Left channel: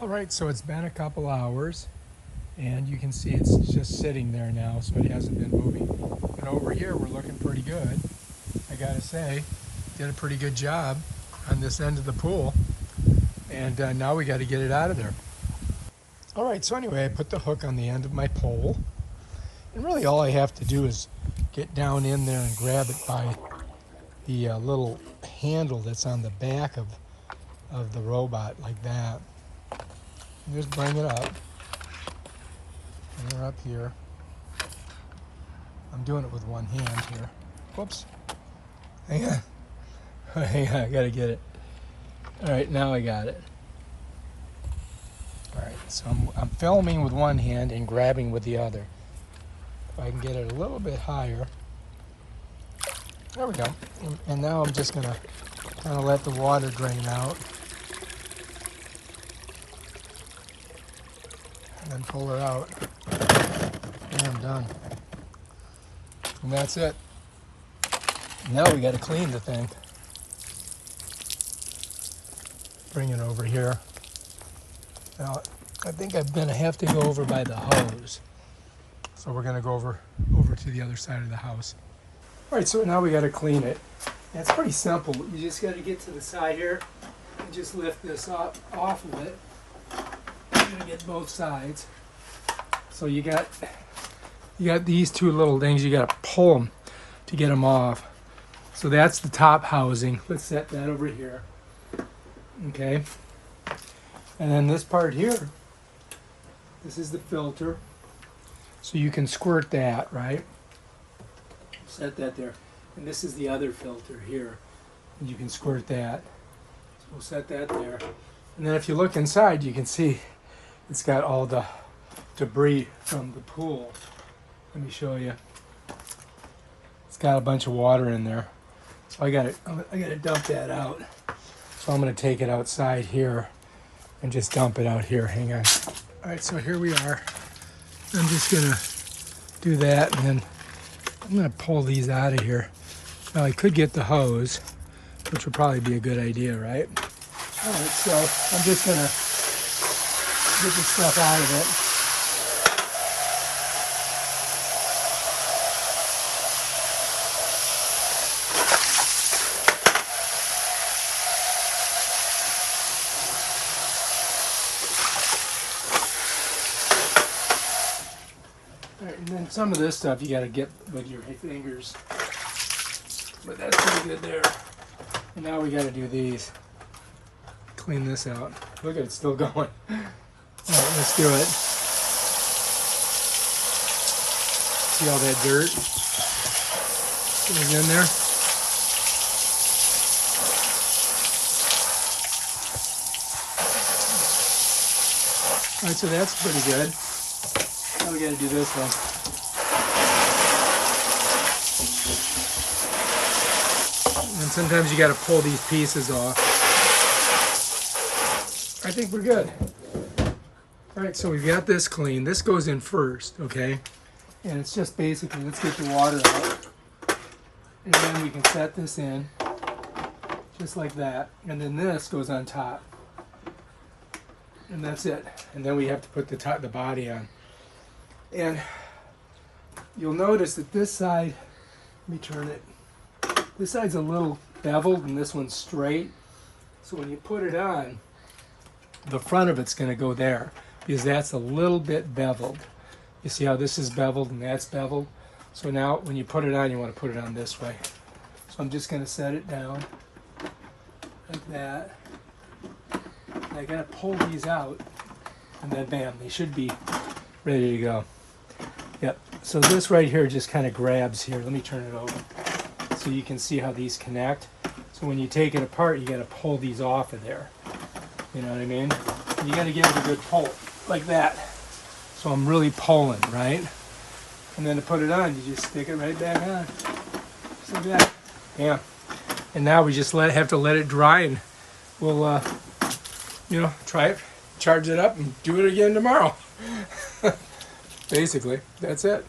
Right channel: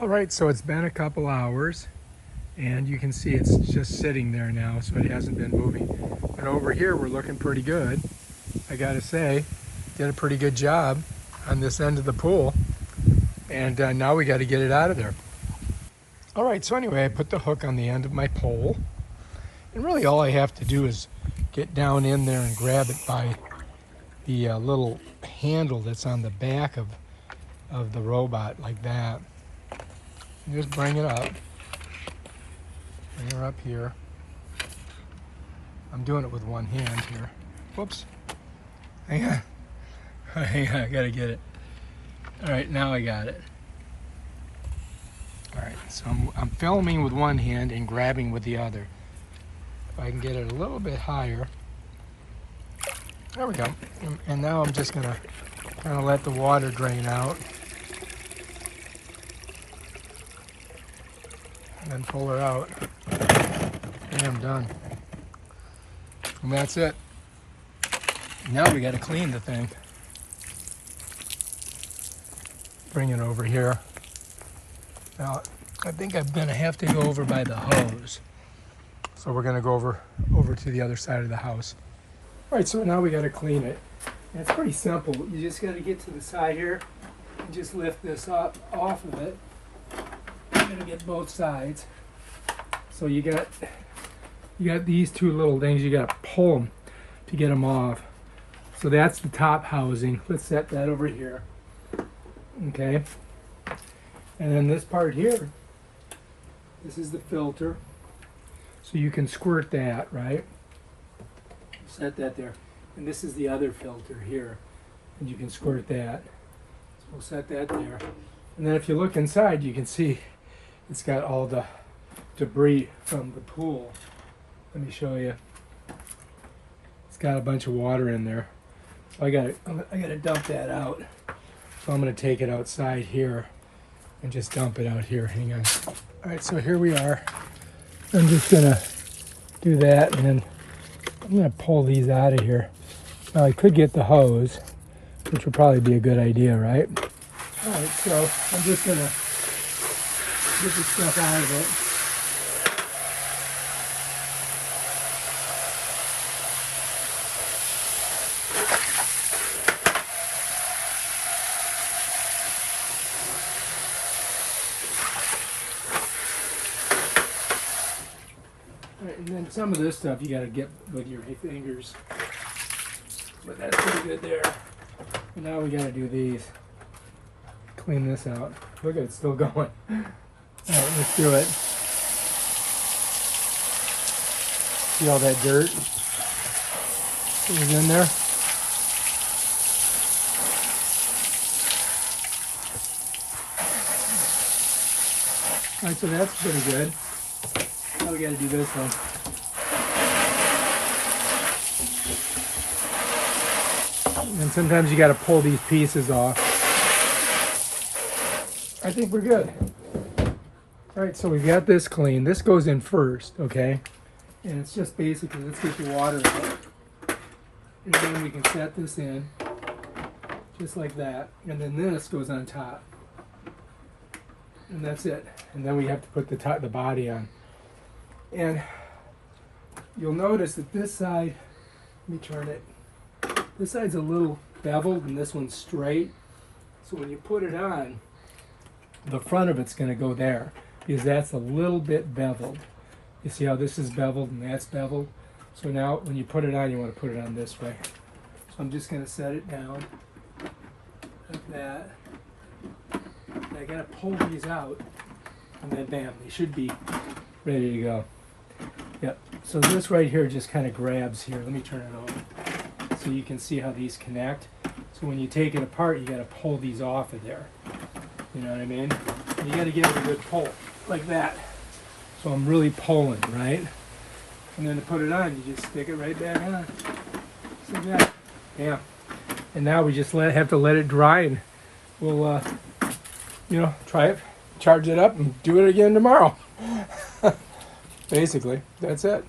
All right, so it's been a couple hours and you can see it's just sitting there now, so it hasn't been moving. But over here, we're looking pretty good. I gotta say, did a pretty good job on this end of the pool. And now we gotta get it out of there. All right, so anyway, I put the hook on the end of my pole. And really all I have to do is get down in there and grab it by the little handle that's on the back of the robot, like that. And just bring it up. Bring her up here. I'm doing it with one hand here. Whoops. Hang on. Hang on, I gotta get it. All right, now I got it. All right, so I'm filming with one hand and grabbing with the other. If I can get it a little bit higher. There we go. And now I'm just gonna kind of let the water drain out. And then pull her out. And I'm done. And that's it. Now we gotta clean the thing. Bring it over here. Now, I think I'm gonna have to go over by the hose. So we're gonna go over to the other side of the house. All right, so now we gotta clean it. It's pretty simple. You just gotta get to the side here and just lift this up off of it. You're gonna get both sides. So you got these two little things. You gotta pull them to get them off. So that's the top housing. Let's set that over here. Okay. And then this part here, this is the filter. So you can squirt that, right? Set that there. And this is the other filter here. And you can squirt that. So we'll set that there. And then if you look inside, you can see it's got all the debris from the pool. Let me show you. It's got a bunch of water in there. So I gotta dump that out. So I'm gonna take it outside here and just dump it out here. Hang on. All right, so here we are. I'm just gonna do that, and then I'm gonna pull these out of here. Now I could get the hose, which would probably be a good idea, right? All right, so I'm just gonna get the stuff out of it. All right, and then some of this stuff you got to get with your fingers, but that's pretty good there. And now we got to do these. Clean this out. Look at it, still going. All right, let's do it. See all that dirt that was in there? All right, so that's pretty good. Now we got to do this one. And sometimes you got to pull these pieces off. I think we're good. All right, so we've got this clean. This goes in first, okay? And it's just basically, let's get the water out. And then we can set this in, just like that. And then this goes on top. And that's it. And then we have to put the body on. And you'll notice that this side, let me turn it. This side's a little beveled and this one's straight. So when you put it on, the front of it's going to go there because that's a little bit beveled. You see how this is beveled and that's beveled? So now when you put it on, you want to put it on this way. So I'm just going to set it down like that. And I got to pull these out and then bam, they should be ready to go. Yep, so this right here just kind of grabs here. Let me turn it over so you can see how these connect. So when you take it apart, you got to pull these off of there. You know what I mean? And you got to give it a good pull, like that. So I'm really pulling, right? And then to put it on, you just stick it right back on. Just like that. Yeah. And now we just have to let it dry, and we'll, try it, charge it up, and do it again tomorrow. Basically, that's it.